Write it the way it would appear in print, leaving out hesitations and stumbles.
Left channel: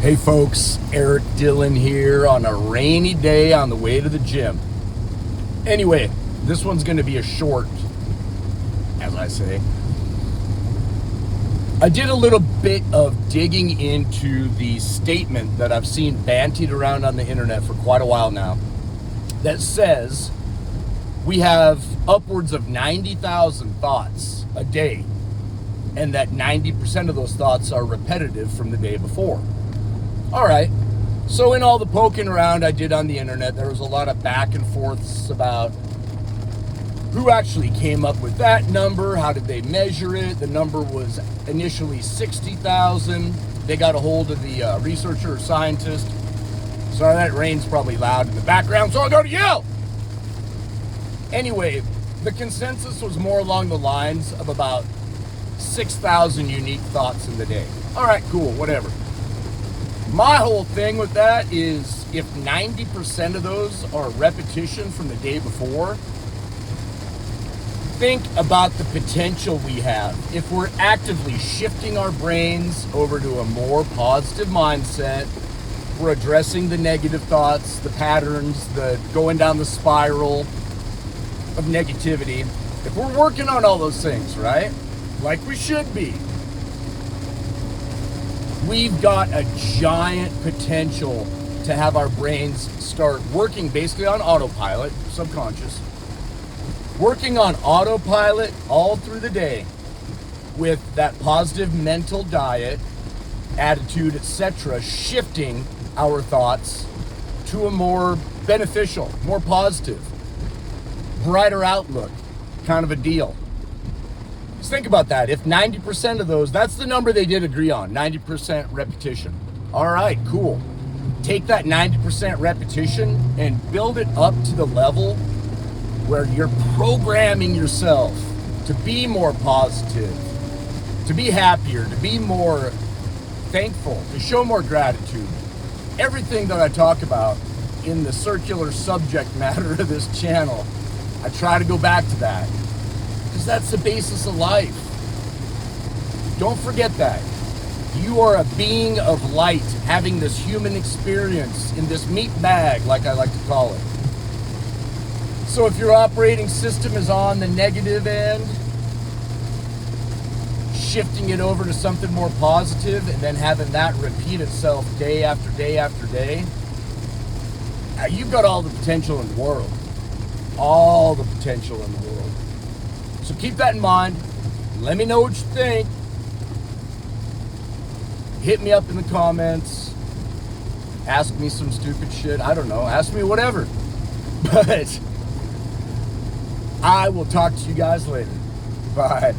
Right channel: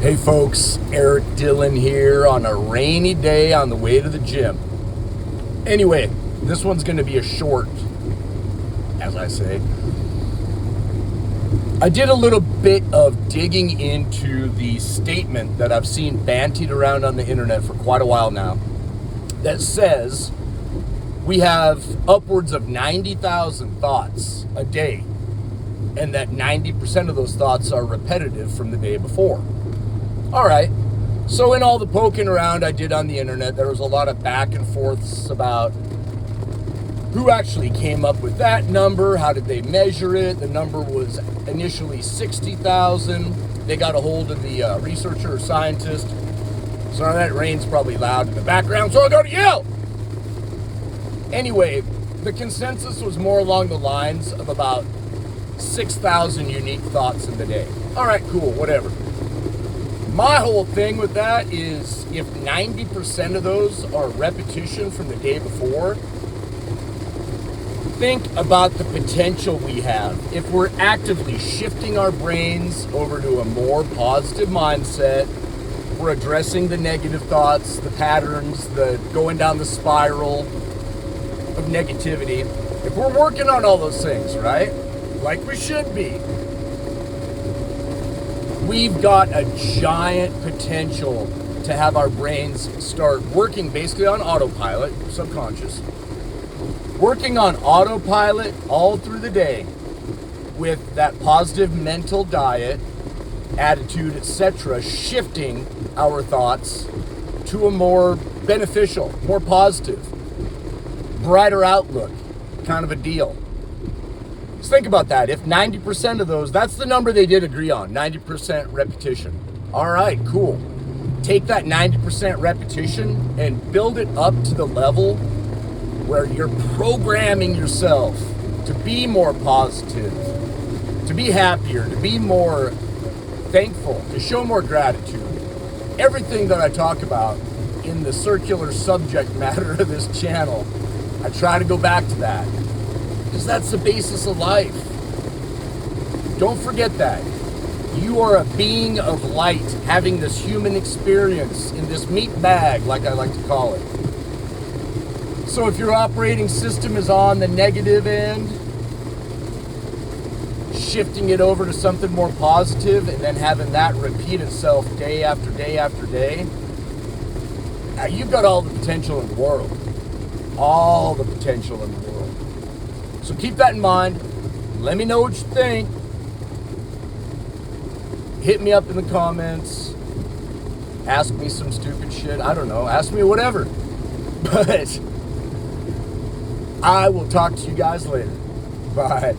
Hey folks, Eric Dillon here on a rainy day on the way to the gym. Anyway, this one's going to be a short, as I say. I did a little bit of digging into the statement that I've seen bantied around on the internet for quite a while now that says we have upwards of 90,000 thoughts a day, and that 90% of those thoughts are repetitive from the day before. All right, so in all the poking around I did on the internet, there was a lot of back and forths about who actually came up with that number, how did they measure it. The number was initially 60,000. They got a hold of the researcher or scientist. Sorry, that rain's probably loud in the background, so I gotta yell. Anyway, the consensus was more along the lines of about 6,000 unique thoughts in the day. All right, cool, whatever. My whole thing with that is if 90% of those are repetition from the day before, think about the potential we have. If we're actively shifting our brains over to a more positive mindset, we're addressing the negative thoughts, the patterns, the going down the spiral of negativity. If we're working on all those things, right? Like we should be. We've got a giant potential to have our brains start working basically on autopilot, subconscious, working on autopilot all through the day with that positive mental diet, attitude, etc., shifting our thoughts to a more beneficial, more positive, brighter outlook kind of a deal. Just think about that. If 90% of those, that's the number they did agree on, 90% repetition. All right, cool. Take that 90% repetition and build it up to the level where you're programming yourself to be more positive, to be happier, to be more thankful, to show more gratitude. Everything that I talk about in the circular subject matter of this channel, I try to go back to that. Because that's the basis of life. Don't forget that. You are a being of light having this human experience in this meat bag, like I like to call it. So if your operating system is on the negative end, shifting it over to something more positive and then having that repeat itself day after day after day, you've got all the potential in the world. All the potential in the world. So keep that in mind. Let me know what you think. Hit me up in the comments. Ask me some stupid shit. I don't know. Ask me whatever. But I will talk to you guys later. Bye.